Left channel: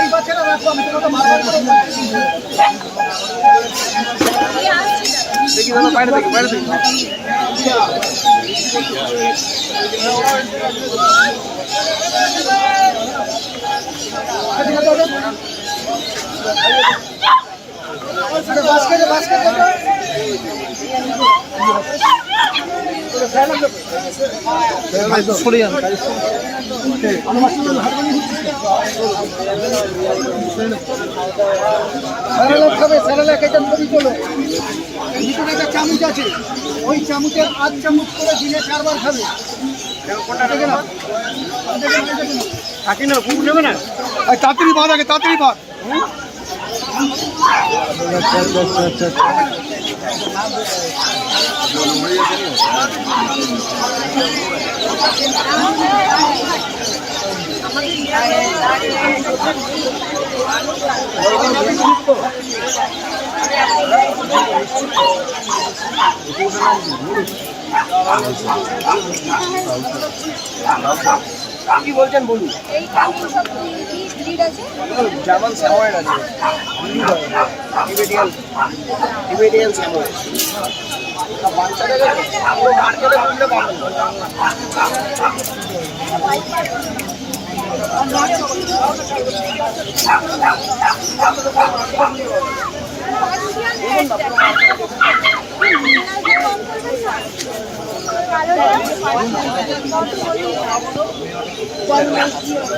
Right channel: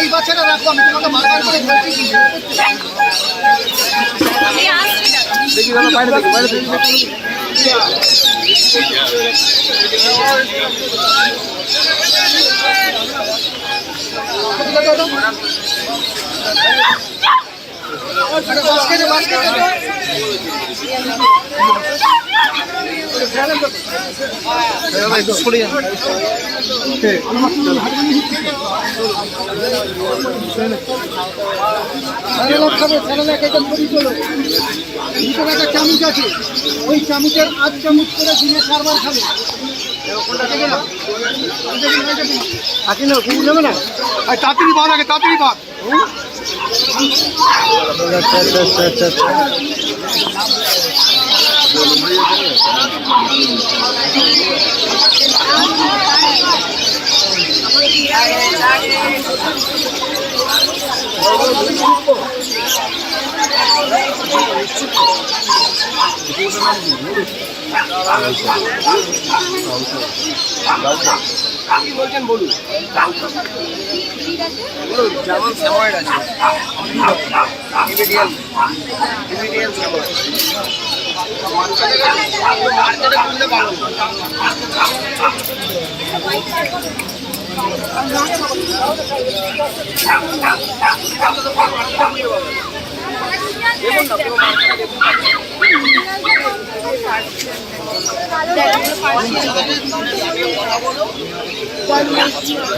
এই বাচ্চাটা রাখো, আমি তোমাকে বারবার করে বলছি। বাস্কেটে বাস্কেটে একটা চামচ আছে, ওই চামচের 8 চামচ করে দিনে 4 বার খাবে। তাড়াতাড়ি ভাত আগে, তাড়াতাড়ি ভাত। আচ্ছা। কি বলছেন বলুন। যেমন স্যাময়েড আছে, ইমিডিয়াল স্যাময়েড মার্কেটে বলতে পারবেন। দেখুন না